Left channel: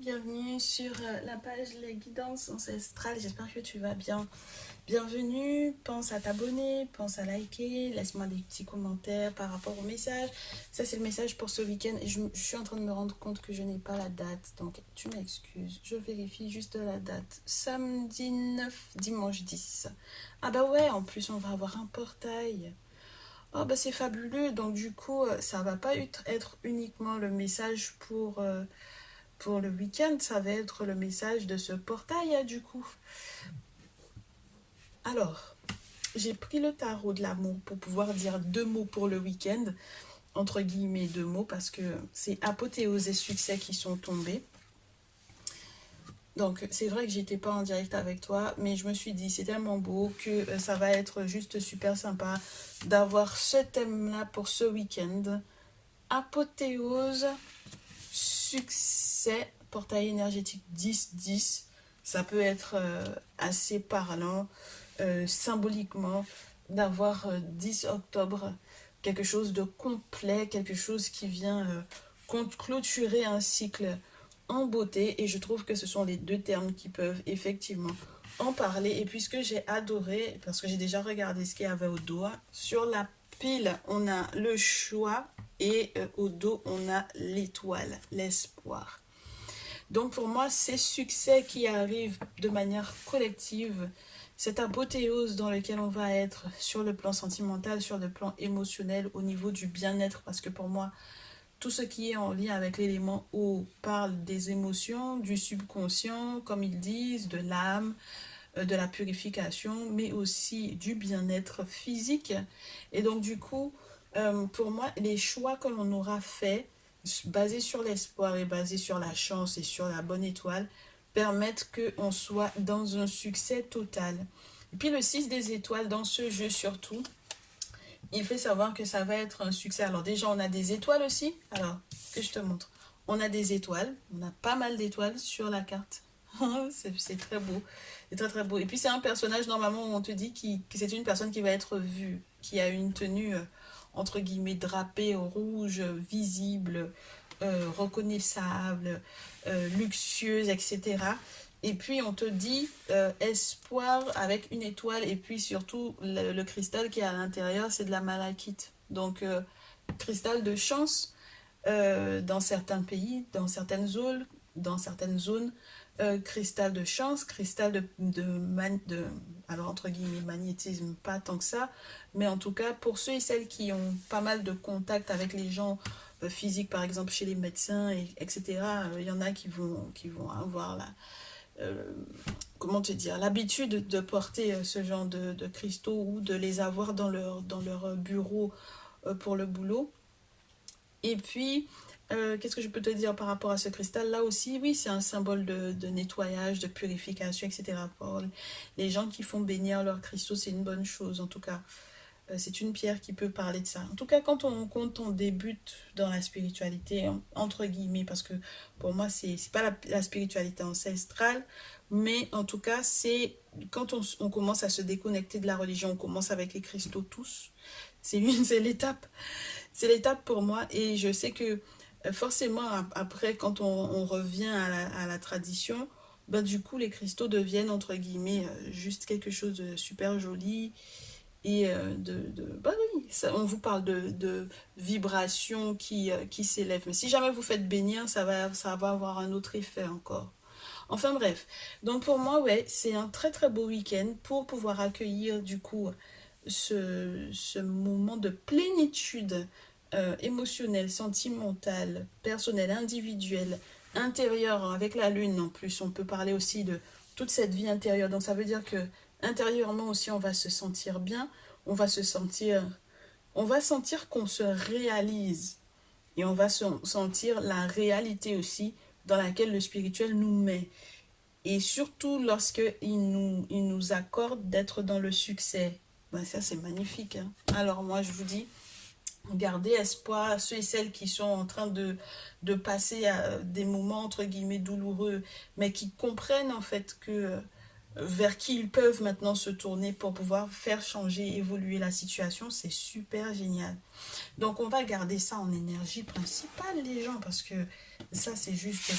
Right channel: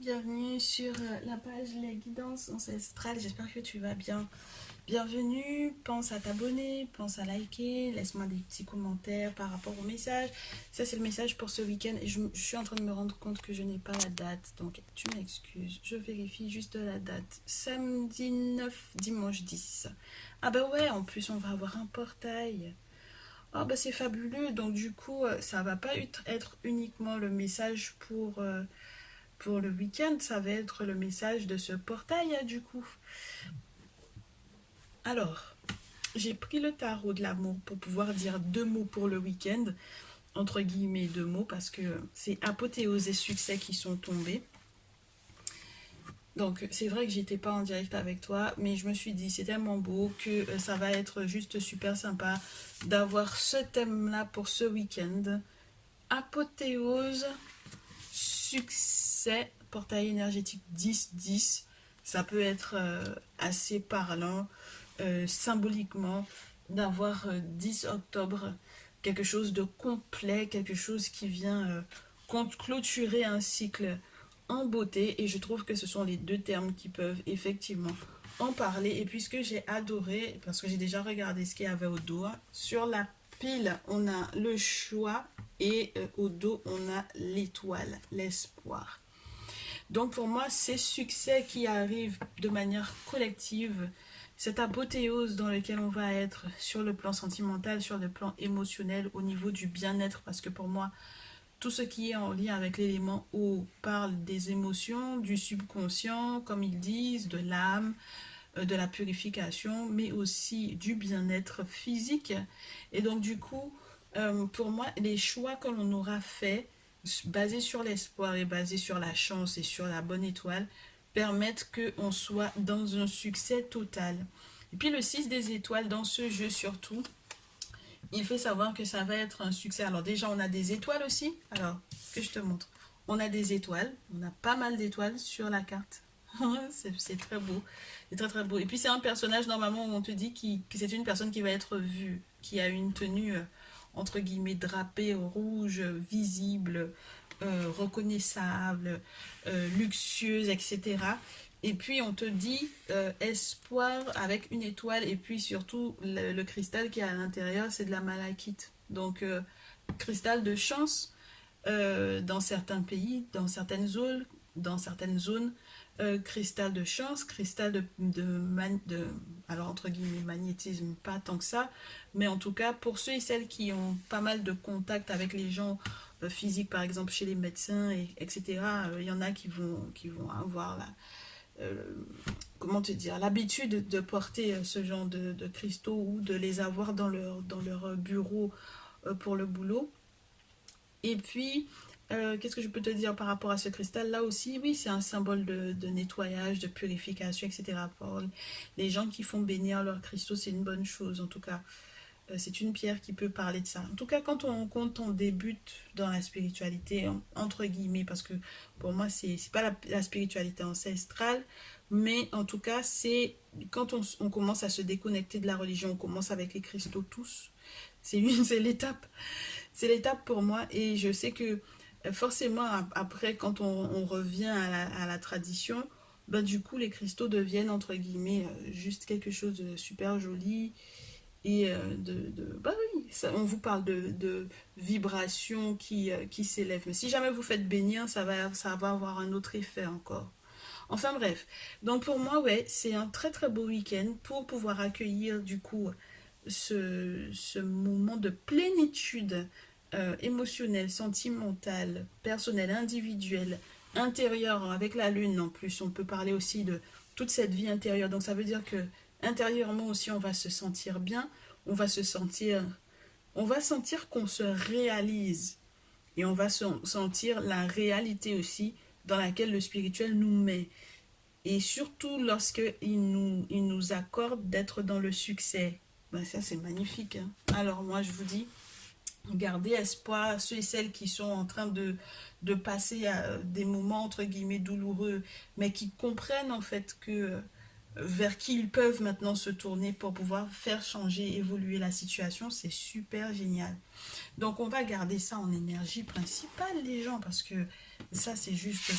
Bienvenue sur la page Les Guidances Ancestrales, j'espère que tu vas bien. Bienvenue, pense à t'abonner, pense à liker, laisse-moi des petits commentaires par rapport au message. Ça c'est le message pour ce week-end et je suis en train de me rendre compte que je n'ai pas la date, donc tu m'excuses, je vérifie juste la date. Samedi 9, dimanche 10. Ah bah ouais, en plus on va avoir un portail. Oh bah c'est fabuleux, donc du coup ça va pas être uniquement le message pour le week-end, ça va être le message de ce portail, hein, du coup. Alors, j'ai pris le tarot de l'amour pour pouvoir dire deux mots pour le week-end, entre guillemets deux mots, parce que c'est apothéose et succès qui sont tombés. Donc, c'est vrai que j'étais pas en direct avec toi, mais je me suis dit, c'est tellement beau que ça va être juste super sympa d'avoir ce thème-là pour ce week-end. Apothéose, succès, portail énergétique 10-10. Ça peut être assez parlant symboliquement d'avoir 10 octobre, quelque chose de complet, quelque chose qui vient clôturer un cycle en beauté. Et je trouve que ce sont les deux termes qui peuvent effectivement en parler. Et puisque j'ai adoré, parce que j'ai déjà regardé ce qu'il y avait au dos, sur la pile, on a le choix et au dos, on a l'étoile, l'espoir. Donc pour moi, ces succès qui arrivent de manière collective, cette apothéose dans laquelle on va être sur le plan sentimental, sur le plan émotionnel, au niveau du bien-être, parce que pour moi, tout ce qui est en lien avec l'élément eau parle des émotions, du subconscient, comme ils disent, de l'âme, de la purification, mais aussi du bien-être physique. Et donc du coup, pour moi, les choix que l'on aura faits, basés sur l'espoir et basés sur la chance et sur la bonne étoile, permettent qu'on soit dans un succès total. Et puis le 6 des étoiles, dans ce jeu surtout, il fait savoir que ça va être un succès. Alors déjà, on a des étoiles aussi. Alors, que je te montre. On a des étoiles. On a pas mal d'étoiles sur la carte. C'est très beau. C'est très très beau. Et puis c'est un personnage normalement où on te dit que c'est une personne qui va être vue, qui a une tenue entre guillemets drapée rouge, visible, reconnaissable, luxueuse, etc. Et puis on te dit espoir avec une étoile et puis surtout le cristal qui est à l'intérieur, c'est de la malachite. Donc cristal de chance dans certains pays, dans certaines zones, cristal de chance, cristal de alors entre guillemets magnétisme, pas tant que ça, mais en tout cas pour ceux et celles qui ont pas mal de contact avec les gens physiques, par exemple chez les médecins, etc., il y en a qui vont avoir euh, comment te dire, l'habitude de porter ce genre de cristaux ou de les avoir dans leur bureau pour le boulot. Et puis, qu'est-ce que je peux te dire par rapport à ce cristal là aussi? Oui, c'est un symbole de nettoyage, de purification, etc. Pour les gens qui font bénir leurs cristaux, c'est une bonne chose. En tout cas, c'est une pierre qui peut parler de ça. En tout cas, quand on débute dans la spiritualité, entre guillemets, parce que pour moi, c'est pas la spiritualité ancestrale, mais en tout cas, c'est quand on commence à se déconnecter de la religion, on commence avec les cristaux tous. C'est l'étape. C'est l'étape pour moi et je sais que forcément après quand on revient à la tradition, bah, du coup les cristaux deviennent entre guillemets juste quelque chose de super joli et bah oui, ça, on vous parle de vibrations qui s'élèvent. Mais si jamais vous faites bénir, ça va avoir un autre effet encore. Enfin bref, donc pour moi, ouais, c'est un très très beau week-end pour pouvoir accueillir du coup ce moment de plénitude émotionnelle, sentimentale, personnelle, individuelle, intérieure avec la lune en plus. On peut parler aussi de toute cette vie intérieure. Donc ça veut dire que intérieurement aussi on va se sentir bien, on va se sentir, on va sentir qu'on se réalise et on va sentir la réalité aussi dans laquelle le spirituel nous met. Et surtout lorsque il nous accorde d'être dans le succès. Ben ça, c'est magnifique, hein. Alors moi, je vous dis, gardez espoir à ceux et celles qui sont en train de passer à des moments, entre guillemets, douloureux, mais qui comprennent en fait que vers qui ils peuvent maintenant se tourner pour pouvoir faire changer, évoluer la situation, c'est super génial. Donc on va garder ça en énergie principale, les gens, parce que Ça, c'est juste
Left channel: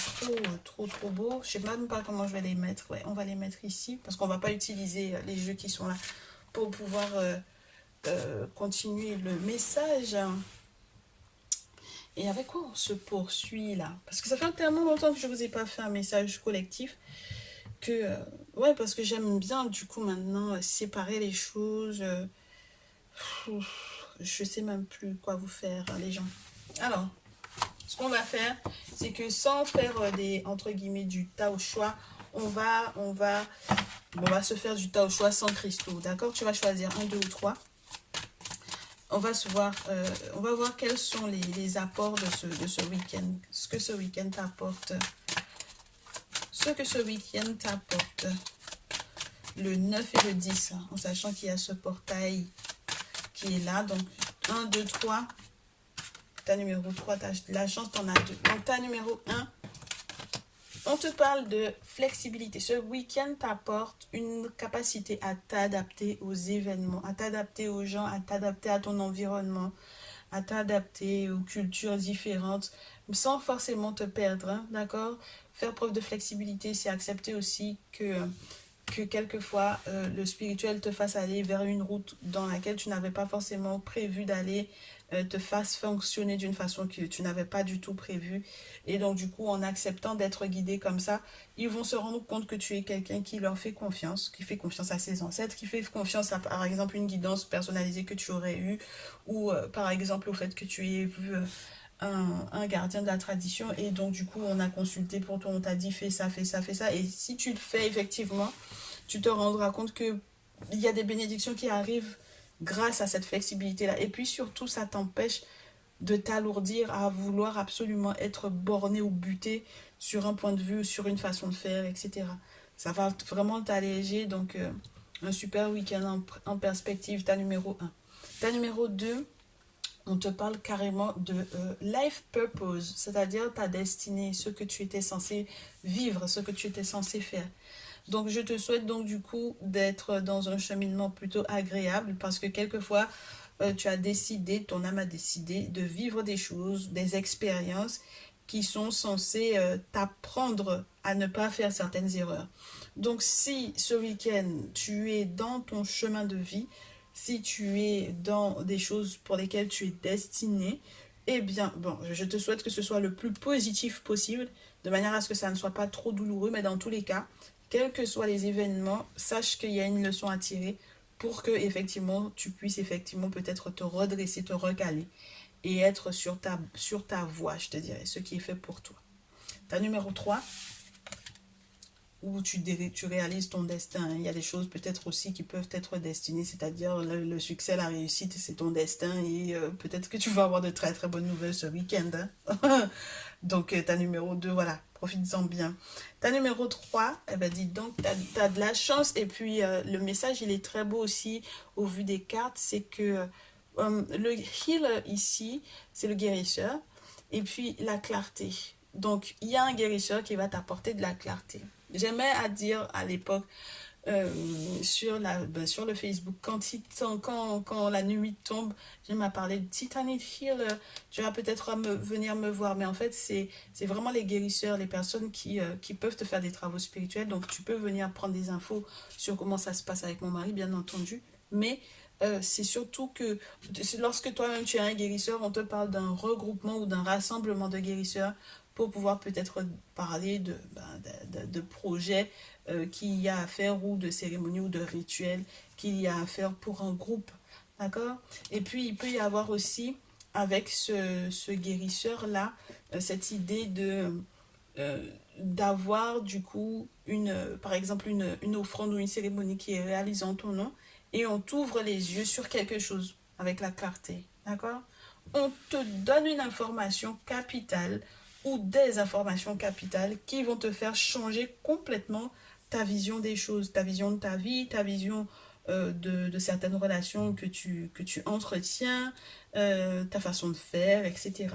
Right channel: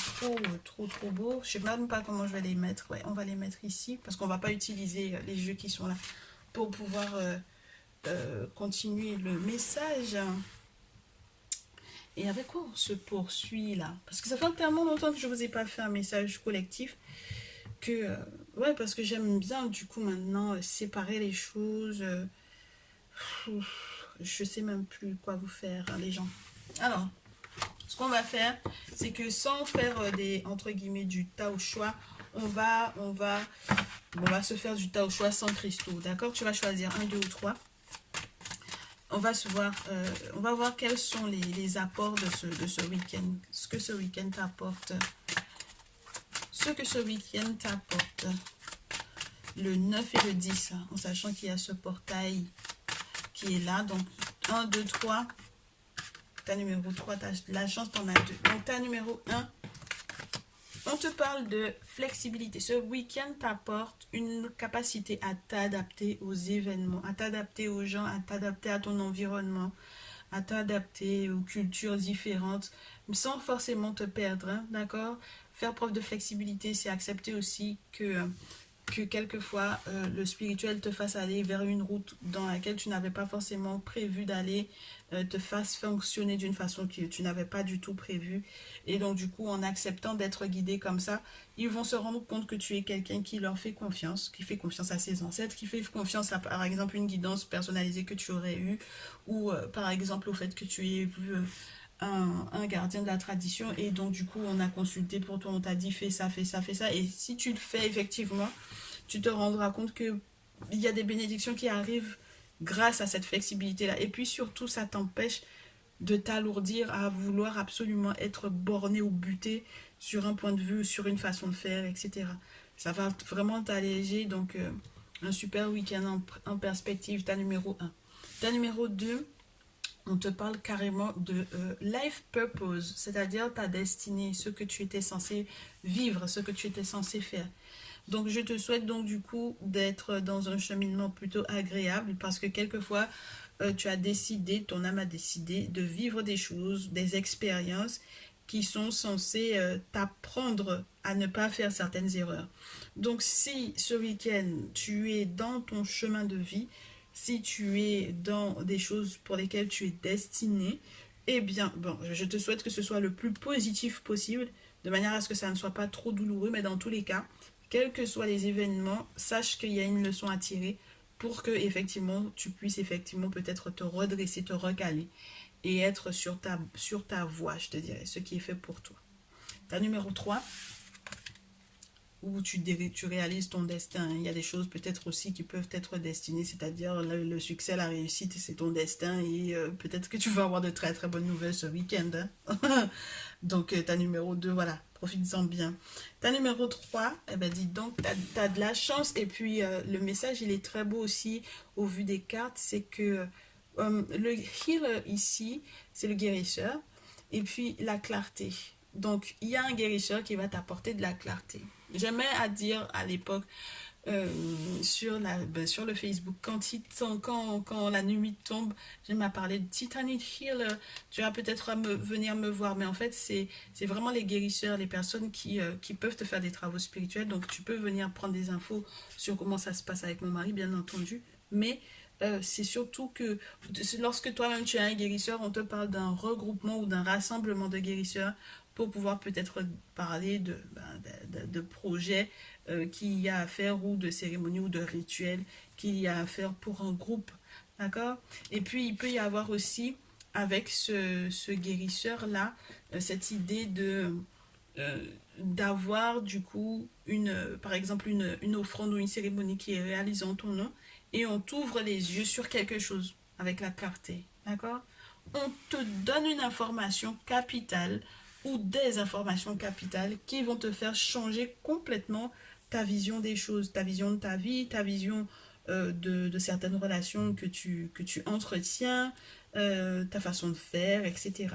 trop beau. Je sais même pas comment je vais les mettre. Ouais, on va les mettre ici parce qu'on va pas utiliser les jeux qui sont là pour pouvoir continuer le message. Et avec quoi on se poursuit là? Parce que ça fait tellement longtemps que je vous ai pas fait un message collectif que ouais, parce que j'aime bien du coup maintenant séparer les choses. Je sais même plus quoi vous faire, les gens. Alors, ce qu'on va faire, c'est que sans faire des entre guillemets du tas au choix, on va se faire du tas au choix sans cristaux. D'accord? Tu vas choisir un, deux ou trois. On va voir quels sont les apports de ce week-end. Ce que ce week-end t'apporte. Ce que ce week-end t'apporte. Le 9 et le 10, hein, en sachant qu'il y a ce portail qui est là. Donc, un, 2, 3. Ta numéro 3, tu as la chance, tu en as deux. Donc, ta numéro 1, on te parle de flexibilité. Ce week-end t'apporte une capacité à t'adapter aux événements, à t'adapter aux gens, à t'adapter à ton environnement, à t'adapter aux cultures différentes, sans forcément te perdre, hein, d'accord? Faire preuve de flexibilité, c'est accepter aussi que quelquefois le spirituel te fasse aller vers une route dans laquelle tu n'avais pas forcément prévu d'aller, te fasse fonctionner d'une façon que tu n'avais pas du tout prévue. Et donc du coup, en acceptant d'être guidé comme ça, ils vont se rendre compte que tu es quelqu'un qui leur fait confiance, qui fait confiance à ses ancêtres, qui fait confiance à, par exemple, une guidance personnalisée que tu aurais eue, ou par exemple au fait que tu aies vu un gardien de la tradition, et donc du coup on a consulté pour toi, on t'a dit fais ça, fais ça, fais ça, et si tu le fais effectivement, tu te rendras compte que il y a des bénédictions qui arrivent grâce à cette flexibilité-là. Et puis surtout, ça t'empêche de t'alourdir à vouloir absolument être borné ou buté sur un point de vue, sur une façon de faire, etc. Ça va vraiment t'alléger. Donc, un super week-end en perspective, ta numéro 1. Ta numéro 2, on te parle carrément de life purpose, c'est-à-dire ta destinée, ce que tu étais censé vivre, ce que tu étais censé faire. Donc, je te souhaite donc du coup d'être dans un cheminement plutôt agréable parce que quelquefois, tu as décidé, ton âme a décidé de vivre des choses, des expériences qui sont censées t'apprendre à ne pas faire certaines erreurs. Donc, si ce week-end, tu es dans ton chemin de vie, si tu es dans des choses pour lesquelles tu es destiné, eh bien, bon, je te souhaite que ce soit le plus positif possible, de manière à ce que ça ne soit pas trop douloureux, mais dans tous les cas, quels que soient les événements, sache qu'il y a une leçon à tirer pour que effectivement tu puisses effectivement peut-être te redresser, te recaler et être sur ta voie, je te dirais, ce qui est fait pour toi. Ta numéro 3, où tu réalises ton destin. Il y a des choses peut-être aussi qui peuvent être destinées, c'est-à-dire le succès, la réussite, c'est ton destin et peut-être que tu vas avoir de très très bonnes nouvelles ce week-end. Hein. Donc ta numéro 2, voilà, profites-en bien. Ta numéro 3, eh ben, dis donc, tu as de la chance et puis le message, il est très beau aussi au vu des cartes, c'est que le healer ici, c'est le guérisseur et puis la clarté. Donc, il y a un guérisseur qui va t'apporter de la clarté. J'aimais à dire à l'époque sur le Facebook, quand la nuit tombe, j'aime à parler de Titanic Healer. Tu vas peut-être venir me voir, mais en fait, c'est vraiment les guérisseurs, les personnes qui peuvent te faire des travaux spirituels. Donc, tu peux venir prendre des infos sur comment ça se passe avec mon mari, bien entendu. Mais c'est surtout que lorsque toi-même tu es un guérisseur, on te parle d'un regroupement ou d'un rassemblement de guérisseurs pour pouvoir peut-être parler de projets qu'il y a à faire ou de cérémonies ou de rituels qu'il y a à faire pour un groupe. D'accord? Et puis, il peut y avoir aussi, avec ce guérisseur-là, cette idée euh, d'avoir du coup, par exemple, une offrande ou une cérémonie qui est réalisée en ton nom et on t'ouvre les yeux sur quelque chose avec la clarté. D'accord? On te donne une information capitale ou des informations capitales qui vont te faire changer complètement ta vision des choses, ta vision de ta vie, ta vision de certaines relations que tu entretiens, ta façon de faire, etc.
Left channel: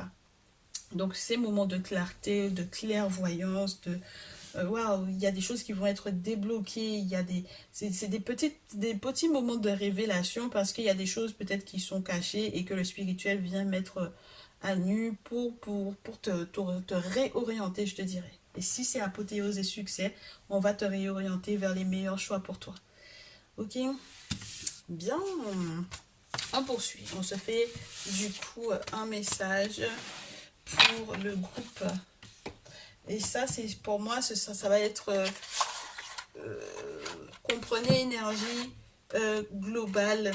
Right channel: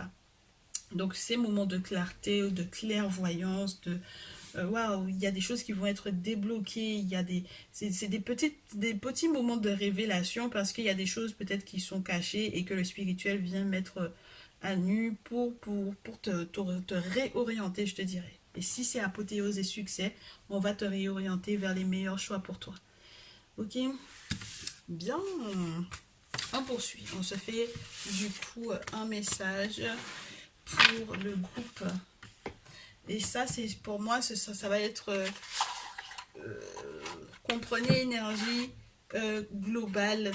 Donc ces moments de clarté, de clairvoyance, de waouh, il y a des choses qui vont être débloquées, il y a c'est des petits moments de révélation parce qu'il y a des choses peut-être qui sont cachées et que le spirituel vient mettre à nu pour te réorienter, je te dirais. Et si c'est apothéose et succès, on va te réorienter vers les meilleurs choix pour toi. Ok? Bien. On poursuit. On se fait du coup un message pour le groupe. Et ça, c'est pour moi, ça va être comprenez énergie globale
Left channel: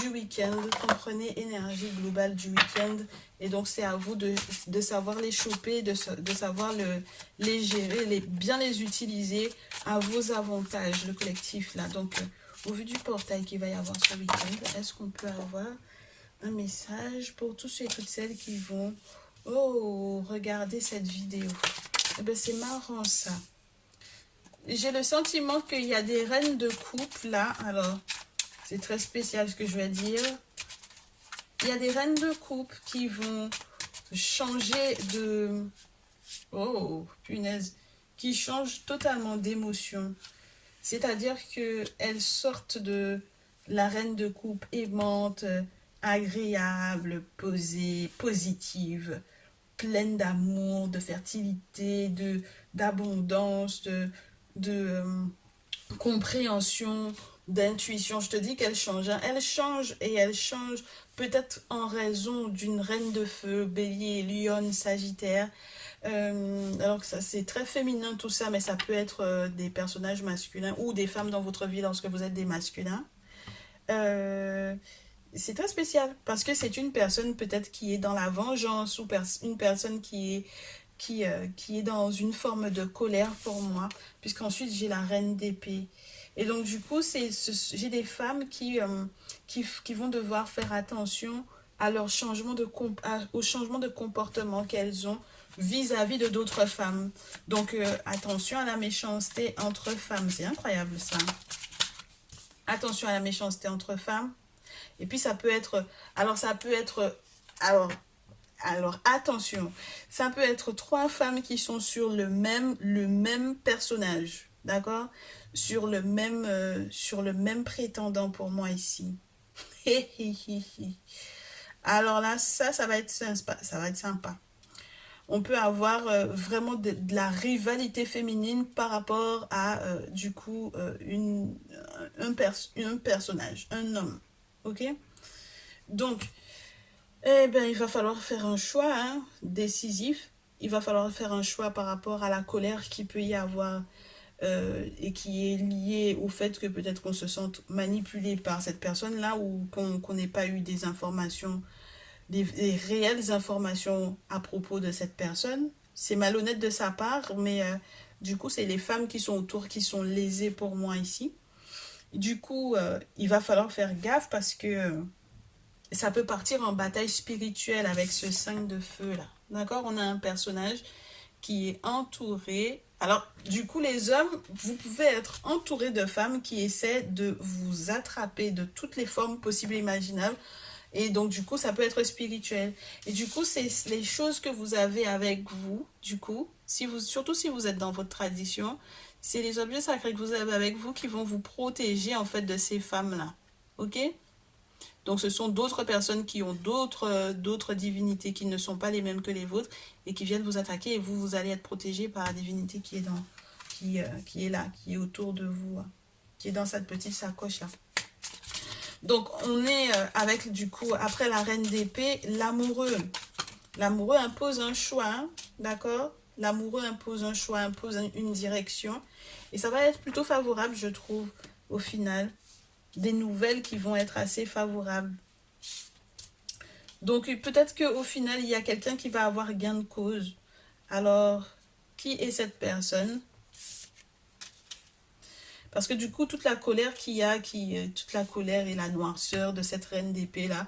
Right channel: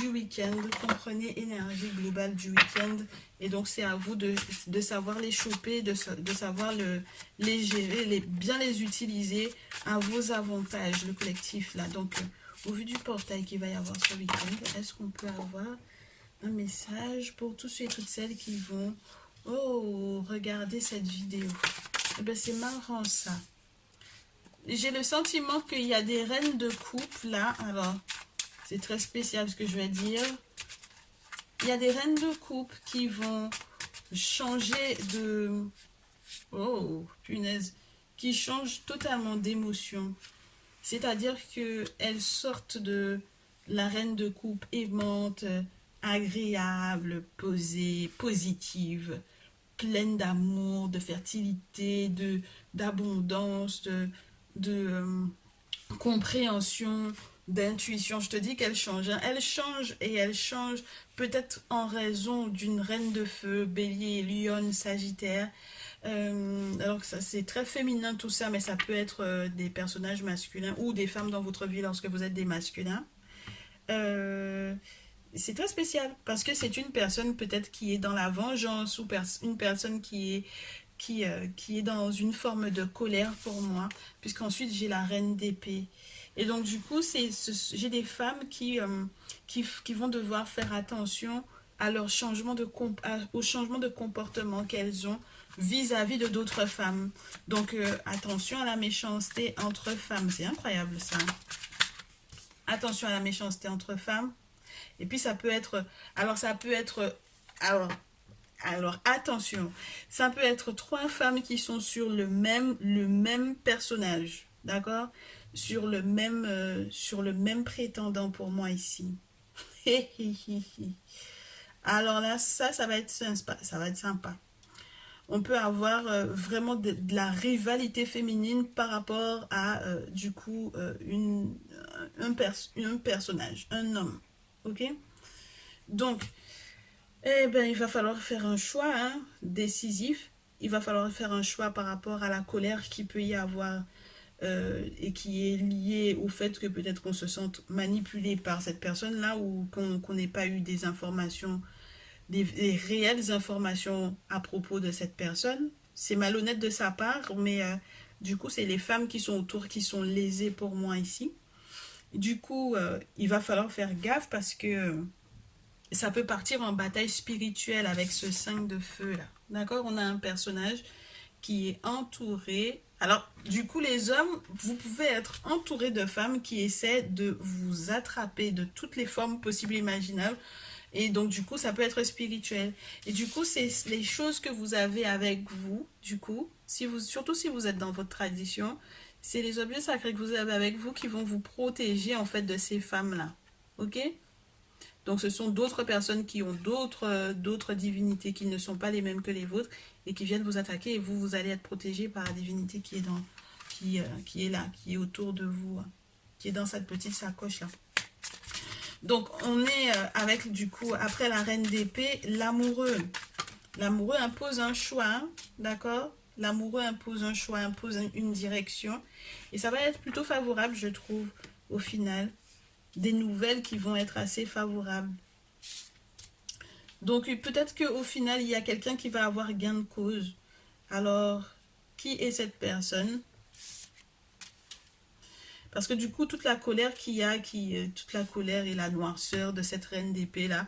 du week-end. Comprenez énergie globale du week-end. Et donc, c'est à vous de savoir les choper, de savoir les gérer, bien les utiliser à vos avantages, le collectif là. Donc, au vu du portail qu'il va y avoir ce week-end, est-ce qu'on peut avoir un message pour tous ceux et toutes celles qui vont regarder cette vidéo? Eh ben, c'est marrant ça. J'ai le sentiment qu'il y a des reines de couple là. Alors, c'est très spécial ce que je vais dire. Il y a des reines de couple qui vont changer de... Oh, punaise. Qui changent totalement d'émotion. C'est-à-dire qu'elles sortent de la reine de couple aimante, agréable, posée, positive, pleine d'amour, de fertilité, d'abondance, de compréhension, d'intuition. Je te dis qu'elle change. Hein. Elle change et elle change peut-être en raison d'une reine de feu, bélier, lion, sagittaire. Alors que ça c'est très féminin tout ça, mais ça peut être des personnages masculins ou des femmes dans votre vie lorsque vous êtes des masculins. C'est très spécial parce que c'est une personne peut-être qui est dans la vengeance ou une personne qui est dans une forme de colère pour moi, puisqu'ensuite j'ai la reine d'épée. Et donc du coup, j'ai des femmes qui vont devoir faire attention à leur au changement de comportement qu'elles ont vis-à-vis de d'autres femmes. Donc attention à la méchanceté entre femmes, c'est incroyable ça. Attention à la méchanceté entre femmes. Et puis ça peut être, alors attention, ça peut être 3 femmes qui sont sur le même personnage, d'accord? Sur le même prétendant pour moi ici. Alors là, ça va être sympa, ça va être sympa. On peut avoir vraiment de la rivalité féminine par rapport à, du coup, un personnage, un homme, ok? Donc, eh bien, il va falloir faire un choix décisif. Il va falloir faire un choix par rapport à la colère qu'il peut y avoir et qui est liée au fait que peut-être qu'on se sente manipulé par cette personne-là ou qu'on n'ait pas eu des informations, des réelles informations à propos de cette personne. C'est malhonnête de sa part, mais du coup, c'est les femmes qui sont autour qui sont lésées pour moi ici. Du coup, il va falloir faire gaffe parce que ça peut partir en bataille spirituelle avec ce 5 de feu là. D'accord? On a un personnage qui est entouré. Alors, du coup, les hommes, vous pouvez être entouré de femmes qui essaient de vous attraper de toutes les formes possibles et imaginables. Et donc, du coup, ça peut être spirituel. Et du coup, c'est les choses que vous avez avec vous, du coup, surtout si vous êtes dans votre tradition, c'est les objets sacrés que vous avez avec vous qui vont vous protéger, en fait, de ces femmes-là. Ok? Donc, ce sont d'autres personnes qui ont d'autres divinités qui ne sont pas les mêmes que les vôtres et qui viennent vous attaquer et vous allez être protégé par la divinité qui est là, qui est autour de vous, qui est dans cette petite sacoche-là. Donc, on est avec, du coup, après la reine d'épée, l'amoureux. L'amoureux impose un choix, d'accord? L'amoureux impose un choix, impose une direction. Et ça va être plutôt favorable, je trouve, au final. Des nouvelles qui vont être assez favorables. Donc, peut-être qu'au final, il y a quelqu'un qui va avoir gain de cause. Alors, qui est cette personne? Parce que du coup, toute la colère qu'il y a, toute la colère et la noirceur de cette reine d'épée là,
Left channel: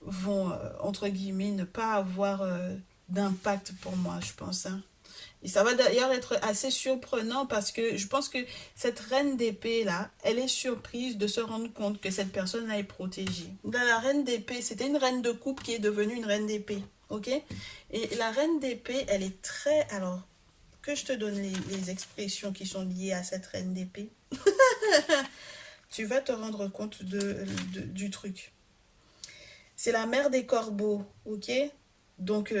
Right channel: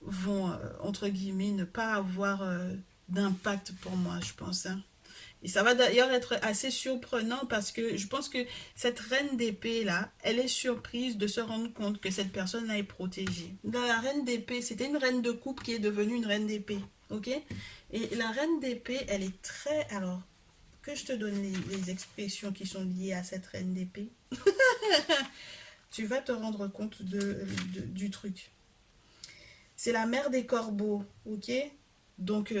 vont, entre guillemets, ne pas avoir d'impact pour moi, je pense. Hein. Et ça va d'ailleurs être assez surprenant parce que je pense que cette reine d'épée là, elle est surprise de se rendre compte que cette personne-là est protégée. Dans la reine d'épée, c'était une reine de coupe qui est devenue une reine d'épée. Ok? Et la reine d'épée, elle est très... Alors, que je te donne les expressions qui sont liées à cette reine d'épée. Tu vas te rendre compte du truc. C'est la mère des corbeaux, ok? Donc,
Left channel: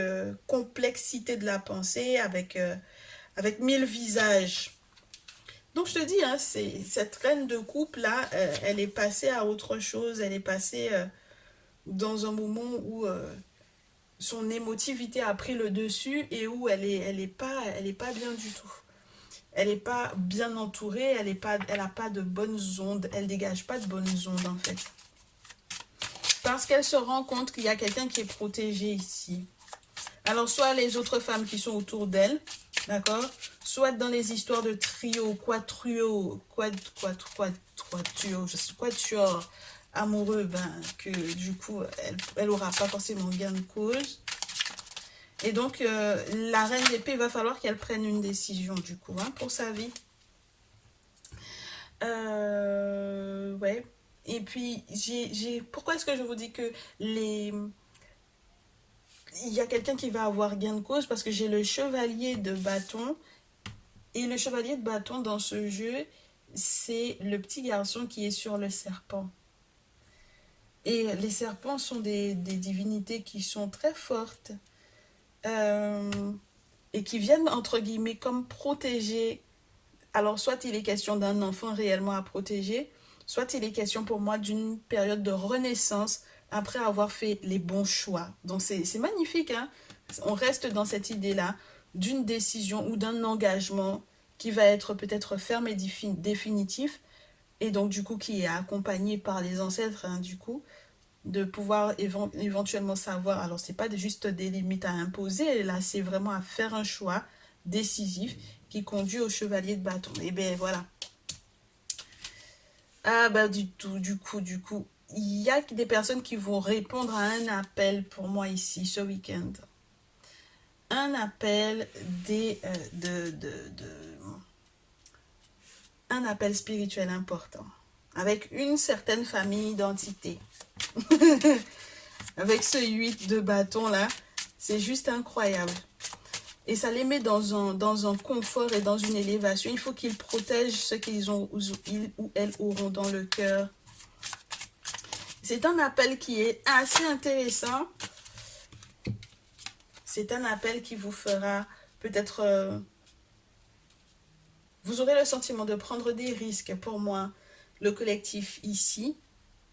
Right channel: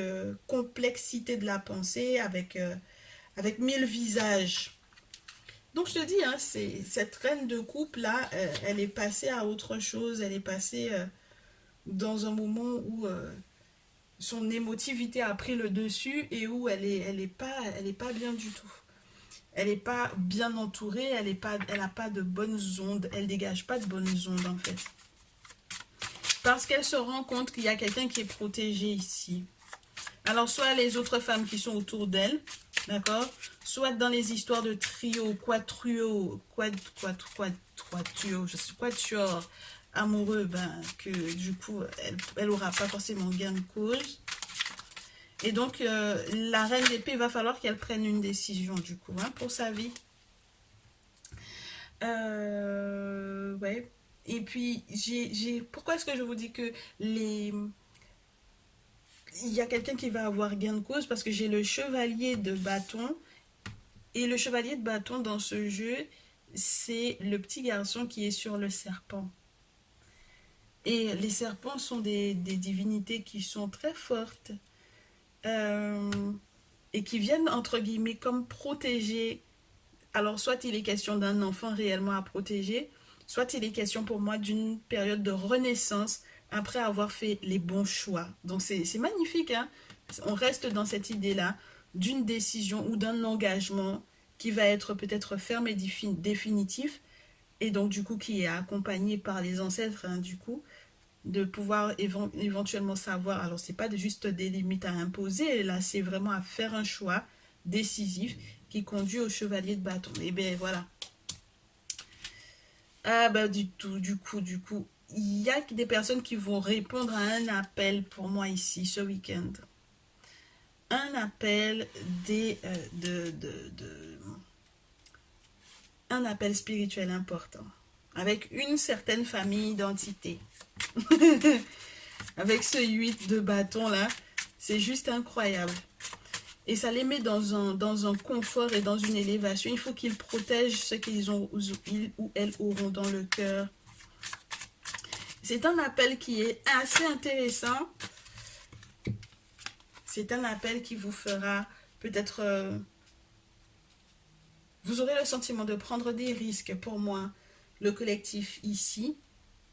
complexité de la pensée avec 1000 visages. Donc, je te dis, hein, cette reine de coupe là, elle est passée à autre chose. Elle est passée dans un moment où son émotivité a pris le dessus et où elle est pas bien du tout. Elle n'est pas bien entourée, elle a pas de bonnes ondes, elle dégage pas de bonnes ondes en fait. Parce qu'elle se rend compte qu'il y a quelqu'un qui est protégé ici. Alors, soit les autres femmes qui sont autour d'elle, d'accord? Soit dans les histoires de trio, quatuor, je sais, quatuor amoureux, ben, que du coup, elle aura pas forcément gain de cause. Et donc, la reine d'épée, il va falloir qu'elle prenne une décision, du coup, hein, pour sa vie. Ouais. Et puis, pourquoi est-ce que je vous dis que il y a quelqu'un qui va avoir gain de cause? Parce que j'ai le chevalier de bâton. Et le chevalier de bâton dans ce jeu, c'est le petit garçon qui est sur le serpent. Et les serpents sont des divinités qui sont très fortes. Euh, et qui viennent, entre guillemets, comme protéger. Alors, soit il est question d'un enfant réellement à protéger, soit il est question pour moi d'une période de renaissance après avoir fait les bons choix. Donc, c'est magnifique, hein? On reste dans cette idée-là d'une décision ou d'un engagement qui va être peut-être ferme et définitif, et donc du coup qui est accompagné par les ancêtres, hein, du coup, de pouvoir éventuellement savoir, alors c'est pas juste des limites à imposer, là c'est vraiment à faire un choix décisif qui conduit au chevalier de bâton. Et bien voilà. Ah bah du coup, il y a des personnes qui vont répondre à un appel pour moi ici ce week-end. Un appel un appel spirituel important avec une certaine famille d'entités. Avec ce 8 de bâton là, c'est juste incroyable. Et ça les met dans un confort et dans une élévation. Il faut qu'ils protègent ce qu'ils ont, ils ou elles auront dans le cœur. C'est un appel qui est assez intéressant. C'est un appel qui vous fera peut-être... vous aurez le sentiment de prendre des risques pour moi, le collectif ici.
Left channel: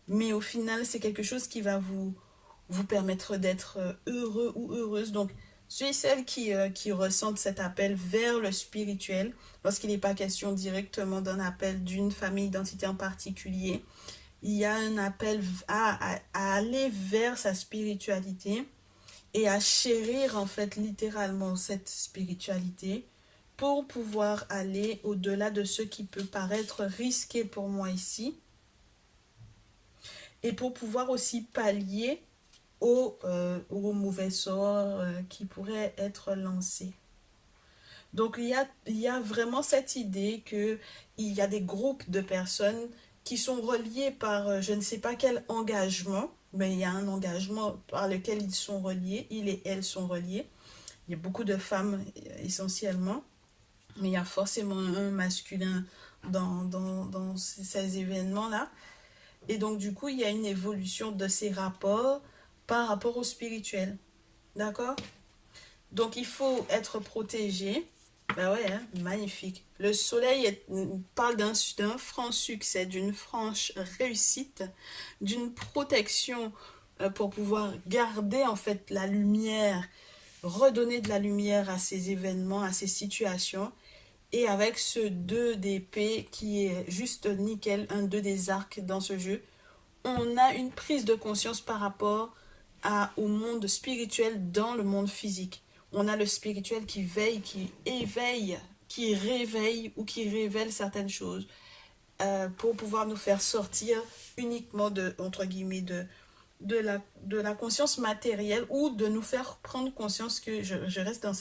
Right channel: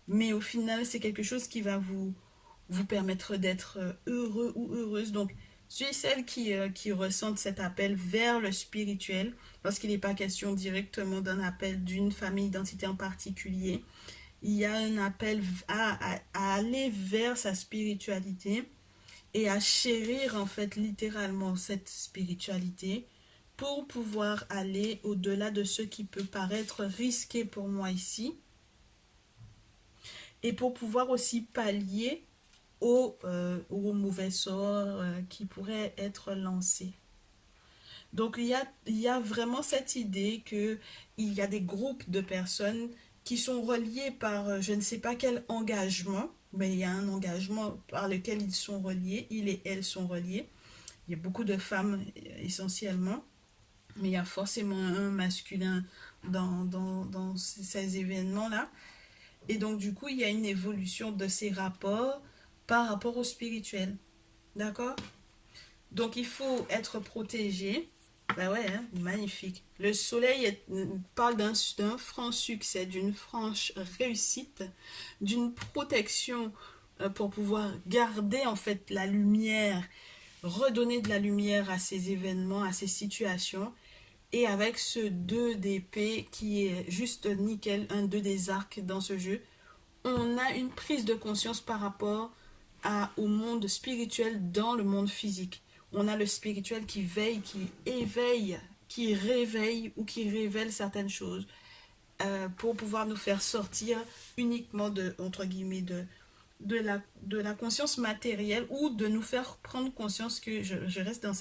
Mais au final, c'est quelque chose qui va vous permettre d'être heureux ou heureuse. Donc, ceux et celles qui ressentent cet appel vers le spirituel, lorsqu'il n'est pas question directement d'un appel d'une famille d'entité en particulier, il y a un appel à aller vers sa spiritualité et à chérir en fait littéralement cette spiritualité pour pouvoir aller au-delà de ce qui peut paraître risqué pour moi ici et pour pouvoir aussi pallier aux mauvais sorts qui pourraient être lancés. Donc il y a vraiment cette idée qu'il y a des groupes de personnes qui sont reliés par je ne sais pas quel engagement, mais il y a un engagement par lequel ils sont reliés, ils et elles sont reliés. Il y a beaucoup de femmes essentiellement, mais il y a forcément un masculin dans ces événements-là. Et donc du coup, il y a une évolution de ces rapports par rapport au spirituel. D'accord? Donc il faut être protégé. Ben ouais, hein, magnifique. Le soleil parle d'un franc succès, d'une franche réussite, d'une protection pour pouvoir garder en fait la lumière, redonner de la lumière à ces événements, à ces situations. Et avec ce 2 d'épée qui est juste nickel, un 2 des arcs dans ce jeu, on a une prise de conscience par rapport au monde spirituel dans le monde physique. On a le spirituel qui veille, qui éveille, qui réveille ou qui révèle certaines choses pour pouvoir nous faire sortir uniquement entre guillemets, de la conscience matérielle ou de nous faire prendre conscience que je reste dans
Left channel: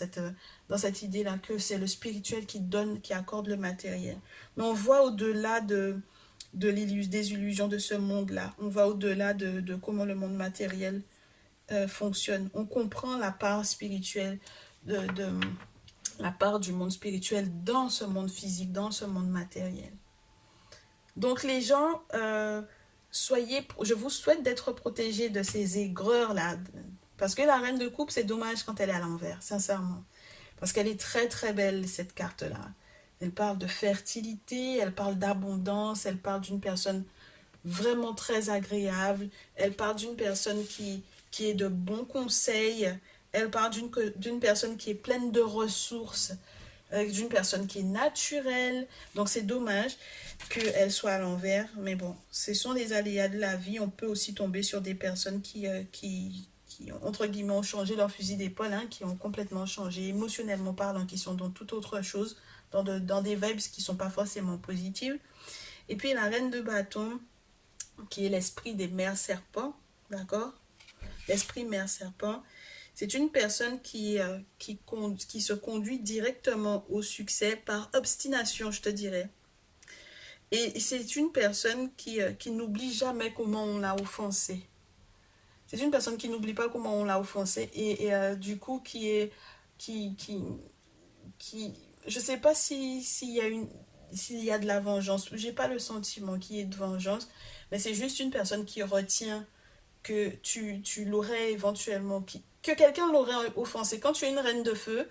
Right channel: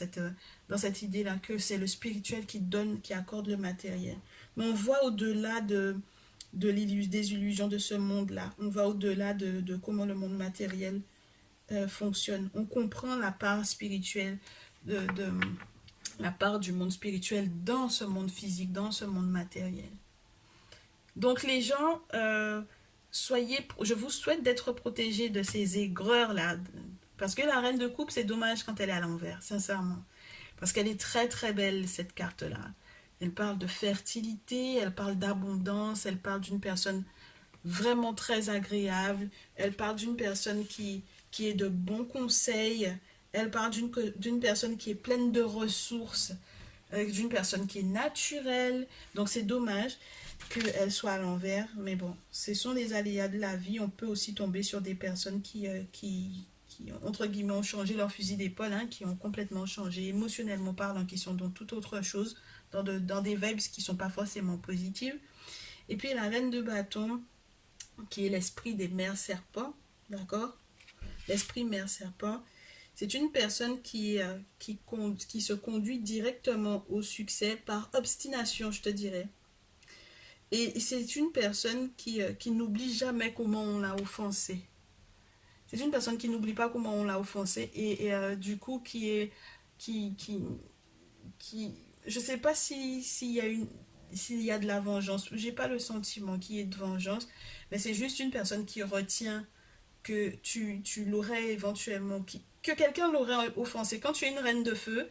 cette idée-là, que c'est le spirituel qui donne, qui accorde le matériel. Mais on voit au-delà des illusions de ce monde-là. On va au-delà de comment le monde matériel fonctionne. On comprend la part spirituelle, la part du monde spirituel dans ce monde physique, dans ce monde matériel. Donc les gens, je vous souhaite d'être protégés de ces aigreurs-là, Parce que la reine de coupe, c'est dommage quand elle est à l'envers, sincèrement. Parce qu'elle est très très belle, cette carte-là. Elle parle de fertilité, elle parle d'abondance, elle parle d'une personne vraiment très agréable, elle parle d'une personne qui est de bons conseils, elle parle d'une personne qui est pleine de ressources, d'une personne qui est naturelle. Donc c'est dommage qu'elle soit à l'envers, mais bon, ce sont les aléas de la vie. On peut aussi tomber sur des personnes qui entre guillemets, ont changé leur fusil d'épaule, hein, qui ont complètement changé émotionnellement parlant, qui sont dans toute autre chose, dans des vibes qui ne sont pas forcément positives. Et puis la reine de bâton, qui est l'esprit des mères serpents, d'accord? L'esprit mère serpent, c'est une personne qui se conduit directement au succès par obstination, je te dirais. Et c'est une personne qui n'oublie jamais comment on l'a offensé. C'est une personne qui n'oublie pas comment on l'a offensé et du coup qui, qui, qui je sais pas s'il y a s'il y a de la vengeance. J'ai pas le sentiment qu'il y ait de vengeance, mais c'est juste une personne qui retient que tu l'aurais éventuellement, que quelqu'un l'aurait offensé. Quand tu es une reine de feu,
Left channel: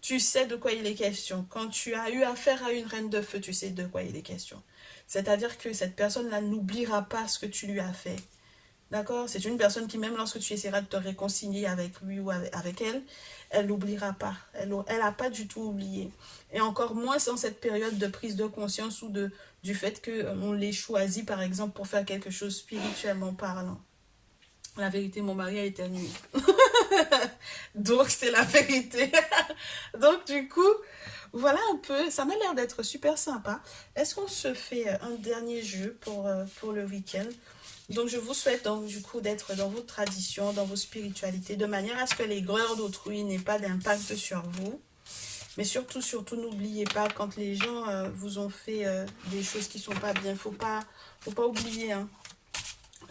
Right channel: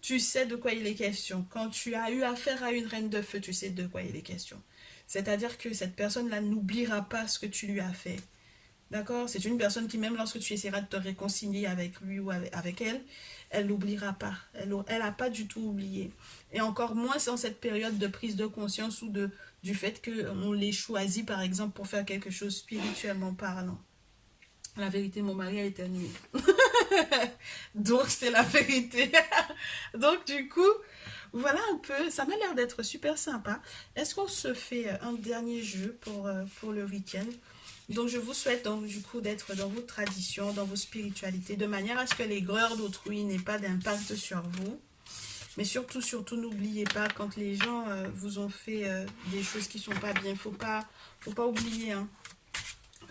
tu sais de quoi il est question. Quand tu as eu affaire à une reine de feu, tu sais de quoi il est question. C'est-à-dire que cette personne-là n'oubliera pas ce que tu lui as fait. D'accord? C'est une personne qui, même lorsque tu essaieras de te réconcilier avec lui ou avec elle, elle n'oubliera pas. Elle n'a pas du tout oublié. Et encore moins dans cette période de prise de conscience ou du fait qu'on les choisit, par exemple, pour faire quelque chose spirituellement parlant. La vérité, mon mari a éternué. Donc, c'est la vérité. Donc, du coup, voilà un peu. Ça m'a l'air d'être super sympa. Est-ce qu'on se fait un dernier jeu pour le week-end? Donc, je vous souhaite donc du coup d'être dans vos traditions, dans vos spiritualités, de manière à ce que l'aigreur d'autrui n'ait pas d'impact sur vous. Mais surtout, surtout, n'oubliez pas, quand les gens vous ont fait des choses qui sont pas bien, faut pas oublier, hein.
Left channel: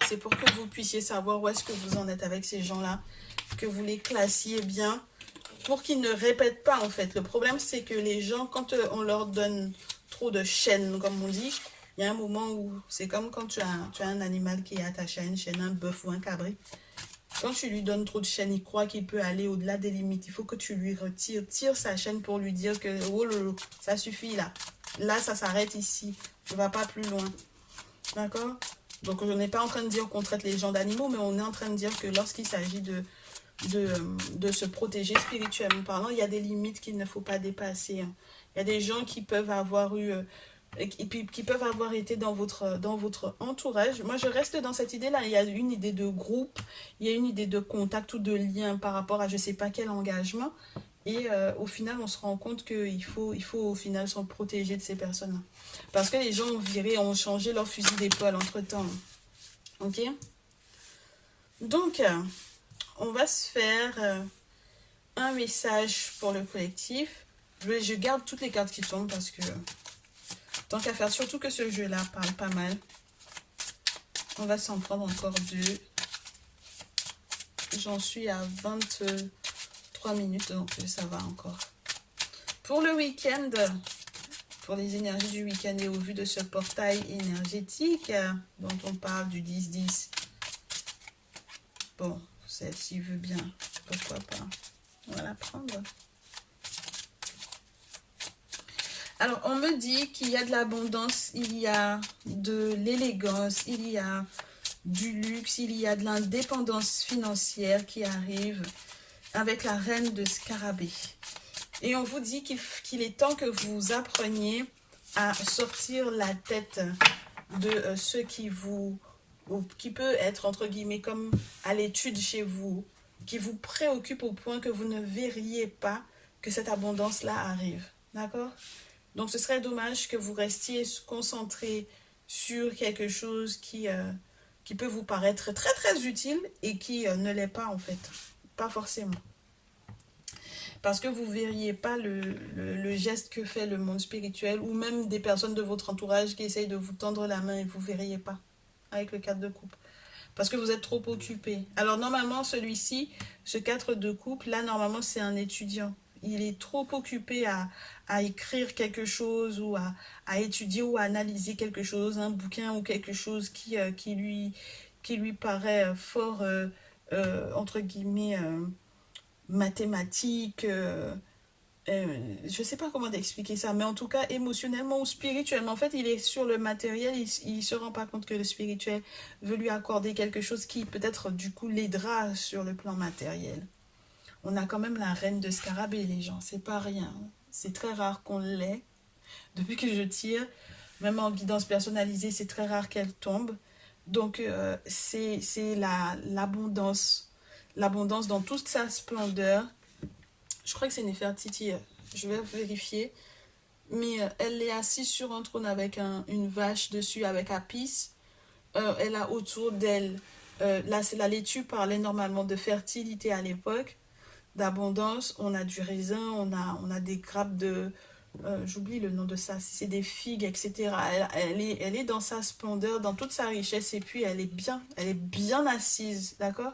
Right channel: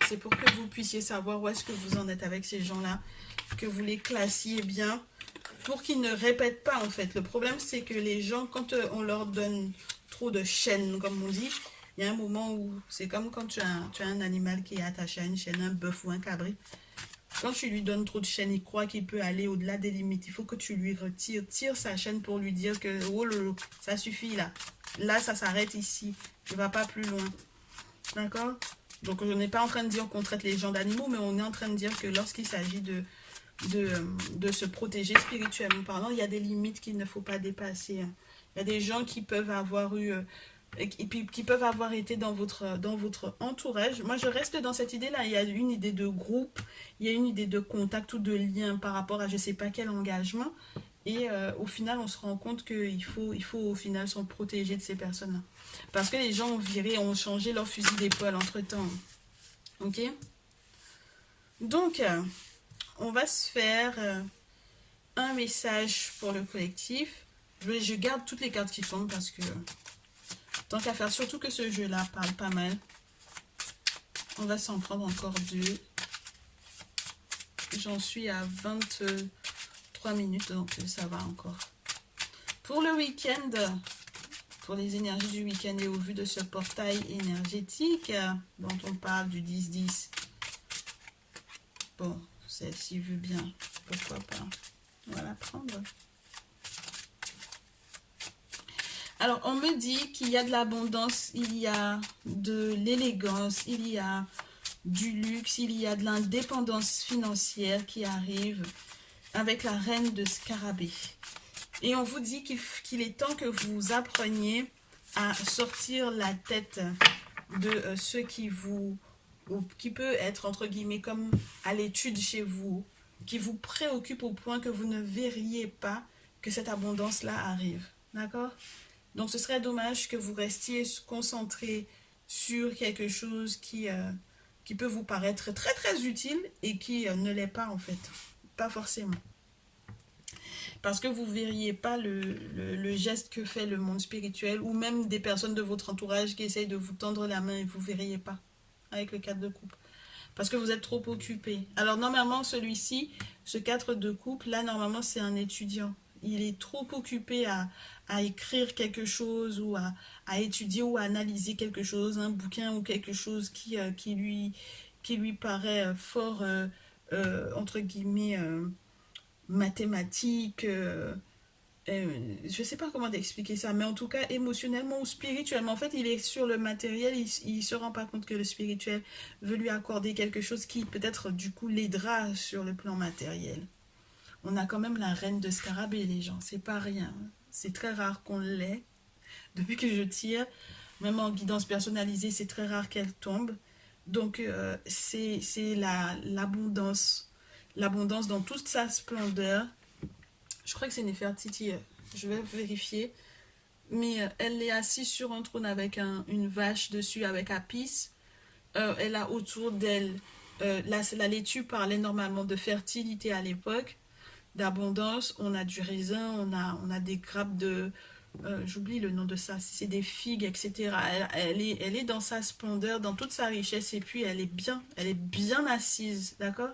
C'est pour que vous puissiez savoir où est-ce que vous en êtes avec ces gens-là, que vous les classiez bien, pour qu'ils ne répètent pas, en fait. Le problème, c'est que les gens, quand on leur donne trop de chaînes, comme on dit, il y a un moment où c'est comme quand tu as un animal qui est attaché à une chaîne, un bœuf ou un cabri. Quand tu lui donnes trop de chaînes, il croit qu'il peut aller au-delà des limites. Il faut que tu lui tire sa chaîne pour lui dire que oh lolo, ça suffit là. Là, ça s'arrête ici. Tu ne vas pas plus loin. D'accord? Donc, je n'ai pas en train de dire qu'on traite les gens d'animaux, mais on est en train de dire que lorsqu'il s'agit de se protéger spirituellement parlant, il y a des limites qu'il ne faut pas dépasser, hein. Il y a des gens qui peuvent avoir eu et puis qui peuvent avoir été dans votre entourage. Moi, je reste dans cette idée-là. Il y a une idée de groupe, il y a une idée de contact ou de lien par rapport à je ne sais pas quel engagement. Et au final, on se rend compte qu'il faut au final s'en protéger de ces personnes-là. Parce que les gens ont viré, ont changé leur fusil d'épaule entre-temps. Ok? Donc, on va se faire un message pour le collectif. Je garde toutes les cartes qui tombent parce que tant qu'à faire, surtout que ce jeu-là parle pas mal. On va s'en prendre encore deux. J'en suis à 23 minutes, donc ça va encore. Pour le week-end, pour les énergies du week-end et au vu de ce portail énergétique dont on parle du 10-10. Bon, celle-ci veut bien, pourquoi pas. On va la prendre. Alors, on me dit qu'il y a de l'abondance, il y a de l'élégance, il y a du luxe, il y a de l'indépendance financière qui arrive avec la reine de Scarabée. Et on vous dit qu'il est temps que vous appreniez à sortir la tête de ce qui peut être, entre guillemets, comme à l'étude chez vous, qui vous préoccupe au point que vous ne verriez pas que cette abondance-là arrive. D'accord? Donc, ce serait dommage que vous restiez concentré sur quelque chose qui peut vous paraître très, très utile et qui ne l'est pas, en fait. Pas forcément. Parce que vous ne verriez pas le geste que fait le monde spirituel ou même des personnes de votre entourage qui essayent de vous tendre la main et vous ne verriez pas avec le 4 de coupe. Parce que vous êtes trop occupé. Alors, normalement, celui-ci, ce 4 de coupe, là, normalement, c'est un étudiant. Il est trop occupé à écrire quelque chose ou à étudier ou à analyser quelque chose, un bouquin ou quelque chose qui lui paraît fort entre guillemets, mathématiques. Je ne sais pas comment t'expliquer ça, mais en tout cas, émotionnellement ou spirituellement, en fait, il est sur le matériel, il ne se rend pas compte que le spirituel veut lui accorder quelque chose qui peut-être du coup l'aidera sur le plan matériel. On a quand même la reine de scarabée, les gens, c'est pas rien. C'est très rare qu'on l'ait. Depuis que je tire, même en guidance personnalisée, c'est très rare qu'elle tombe. Donc, c'est l'abondance. L'abondance dans toute sa splendeur. Je crois que c'est Nefertiti, je vais vérifier. Mais elle est assise sur un trône avec une vache dessus, avec Apis. Elle a autour d'elle, là, la laitue parlait normalement de fertilité à l'époque, d'abondance. On a du raisin, on a des grappes de, j'oublie le nom de ça, c'est des figues, etc. Elle est dans sa splendeur, dans toute sa richesse, et puis elle est bien assise, d'accord?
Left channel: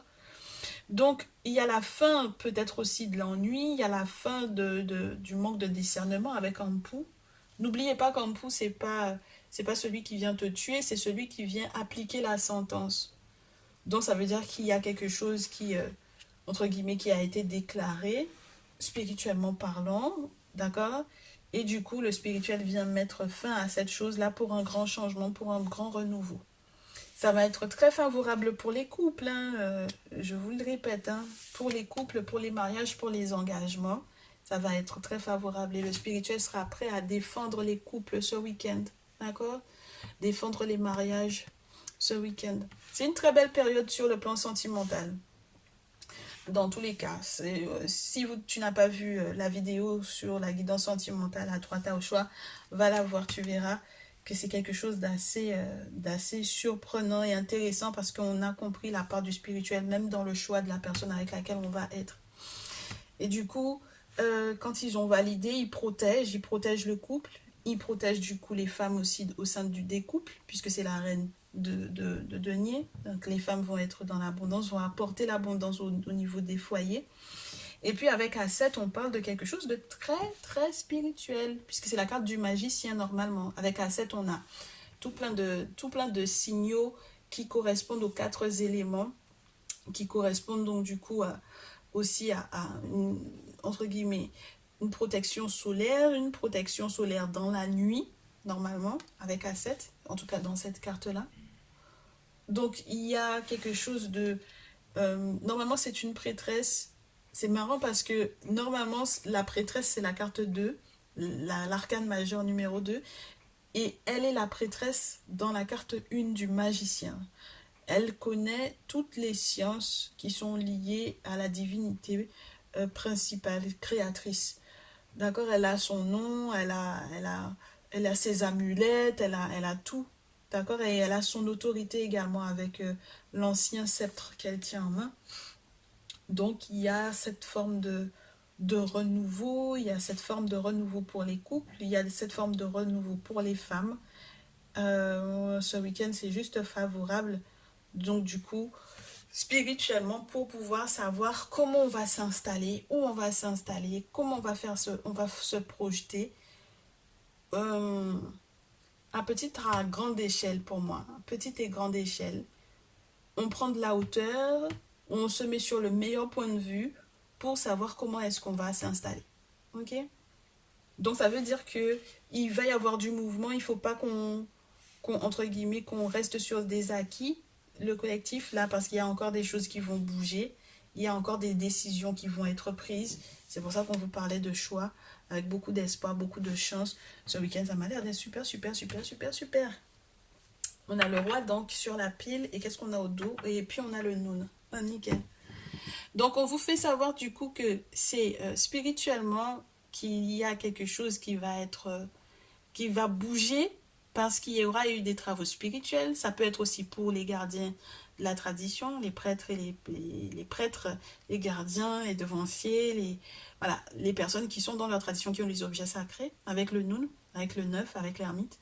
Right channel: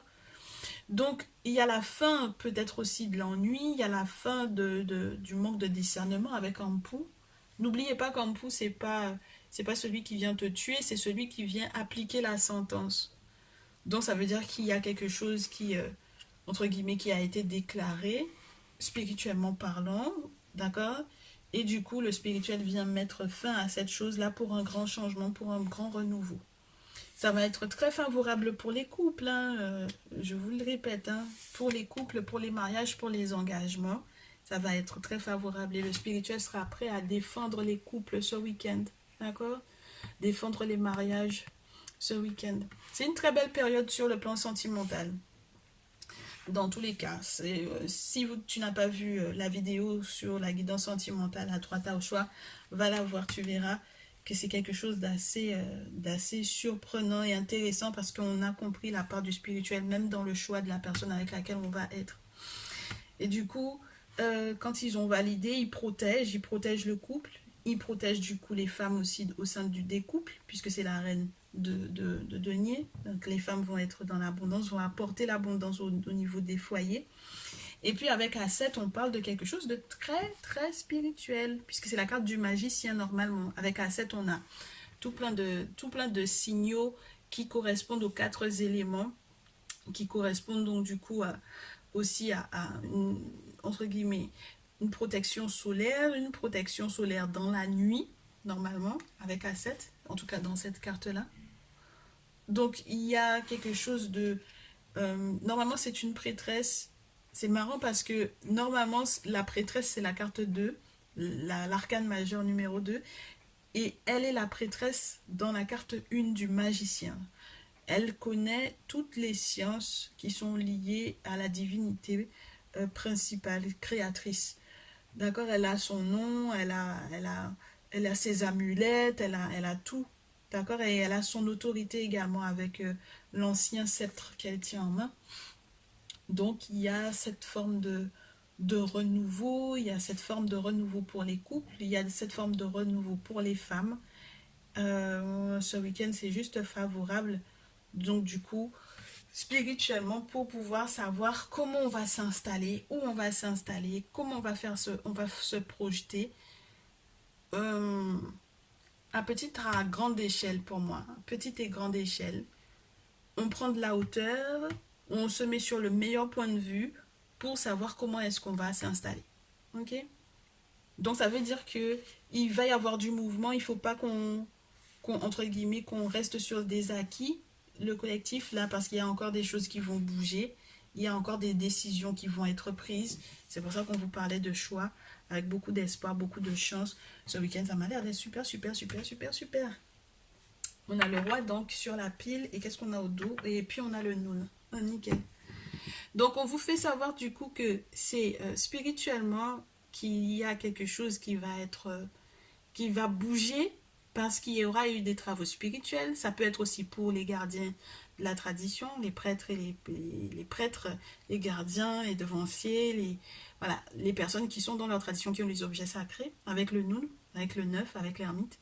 Donc, il y a la fin peut-être aussi de l'ennui, il y a la fin du manque de discernement avec Ampou. N'oubliez pas qu'Ampou, c'est pas celui qui vient te tuer, c'est celui qui vient appliquer la sentence. Donc, ça veut dire qu'il y a quelque chose qui, entre guillemets, qui a été déclaré, spirituellement parlant, d'accord? Et du coup, le spirituel vient mettre fin à cette chose-là pour un grand changement, pour un grand renouveau. Ça va être très favorable pour les couples, hein, je vous le répète, hein, pour les couples, pour les mariages, pour les engagements. Ça va être très favorable et le spirituel sera prêt à défendre les couples ce week-end. D'accord? Défendre les mariages ce week-end. C'est une très belle période sur le plan sentimental. Dans tous les cas, si tu n'as pas vu la vidéo sur la guidance sentimentale à droite au choix, va la voir, tu verras que c'est quelque chose d'assez surprenant et intéressant parce qu'on a compris la part du spirituel même dans le choix de la personne avec laquelle on va être. Et du coup, quand ils ont validé, ils protègent le couple, ils protègent du coup les femmes aussi au sein des couples, puisque c'est la reine de denier. Donc les femmes vont être dans l'abondance, vont apporter l'abondance au niveau des foyers. Et puis avec A7, on parle de quelque chose de très très spirituel, puisque c'est la carte du magicien normalement. Avec A7, on a tout plein de signaux qui correspondent aux 4 éléments, qui correspondent donc du coup aussi à une, entre guillemets, une protection solaire dans la nuit, normalement, avec A7, en tout cas dans cette carte-là. Donc il y a quelque chose de... normalement, c'est une prêtresse. C'est marrant parce que normalement, la prêtresse, c'est la carte 2, l'arcane majeur numéro 2, et elle est la prêtresse dans la carte 1 du magicien. Elle connaît toutes les sciences qui sont liées à la divinité principale, créatrice. D'accord? Elle a son nom, elle a ses amulettes, elle a tout. D'accord? Et elle a son autorité également avec l'ancien sceptre qu'elle tient en main. Donc, il y a cette forme de renouveau, il y a cette forme de renouveau pour les couples, il y a cette forme de renouveau pour les femmes. Ce week-end, c'est juste favorable. Donc, du coup, spirituellement, pour pouvoir savoir comment on va s'installer, où on va s'installer, comment on va se projeter. À petite, à grande échelle pour moi, petite et grande échelle. On prend de la hauteur, on se met sur le meilleur point de vue pour savoir comment est-ce qu'on va s'installer. Ok? Donc ça veut dire que il va y avoir du mouvement, il ne faut pas entre guillemets, qu'on reste sur des acquis, le collectif là, parce qu'il y a encore des choses qui vont bouger, il y a encore des décisions qui vont être prises. C'est pour ça qu'on vous parlait de choix, avec beaucoup d'espoir, beaucoup de chance. Ce week-end, ça m'a l'air d'être super, super, super, super, super. On a le roi donc sur la pile, et qu'est-ce qu'on a au dos? Et puis on a le noun. Ah, nickel. Donc on vous fait savoir du coup que c'est spirituellement qu'il y a quelque chose qui va être, qui va bouger parce qu'il y aura eu des travaux spirituels. Ça peut être aussi pour les gardiens de la tradition, les prêtres et les prêtres, les gardiens, les devanciers, voilà, les personnes qui sont dans leur tradition, qui ont les objets sacrés, avec le noun, avec le neuf, avec l'ermite.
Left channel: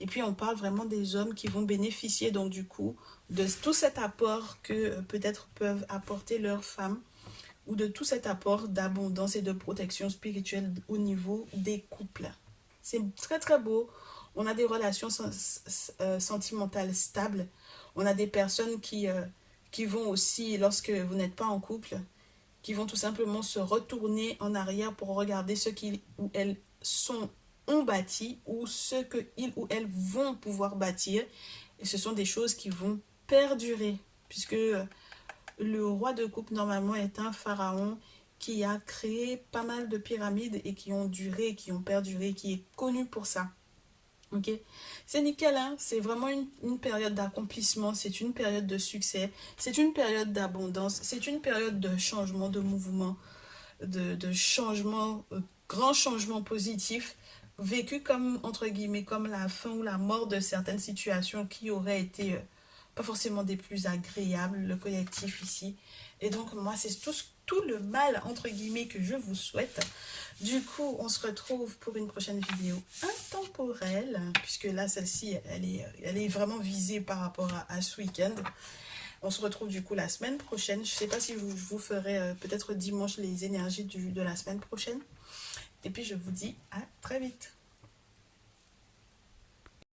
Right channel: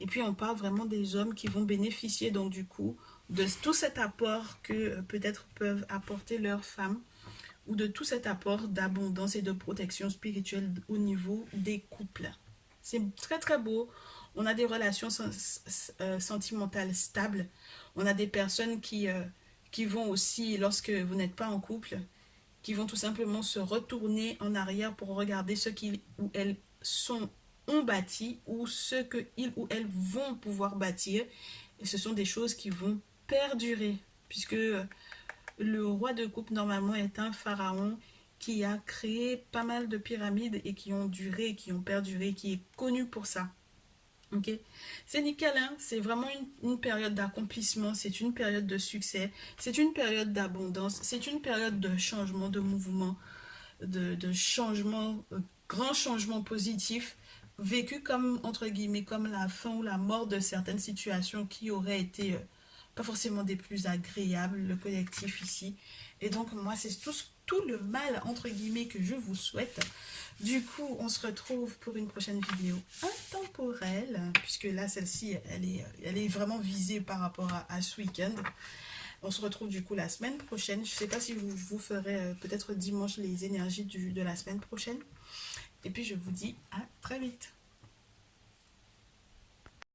Et puis on parle vraiment des hommes qui vont bénéficier donc du coup de tout cet apport que peut-être peuvent apporter leurs femmes, ou de tout cet apport d'abondance et de protection spirituelle au niveau des couples. C'est très très beau. On a des relations sentimentales stables. On a des personnes qui vont aussi, lorsque vous n'êtes pas en couple, qui vont tout simplement se retourner en arrière pour regarder ce qu'ils ou elles ont bâti ou ce qu'ils ou elles vont pouvoir bâtir. Et ce sont des choses qui vont perdurer, puisque le roi de coupe normalement est un pharaon qui a créé pas mal de pyramides et qui ont duré, qui ont perduré, qui est connu pour ça. Ok, c'est nickel, hein? C'est vraiment une période d'accomplissement, c'est une période de succès, c'est une période d'abondance, c'est une période de changement, de mouvement, de changement, grand changement positif, vécu comme, entre guillemets, comme la fin ou la mort de certaines situations qui auraient été pas forcément des plus agréables, le collectif ici. Et donc, moi, c'est tout le mal, entre guillemets, que je vous souhaite. Du coup, on se retrouve pour une prochaine vidéo intemporelle, puisque là, celle-ci, elle est vraiment visée par rapport à ce week-end. On se retrouve du coup la semaine prochaine. Je ne sais pas si je vous ferai peut-être dimanche les énergies de la semaine prochaine. Et puis, je vous dis à très vite.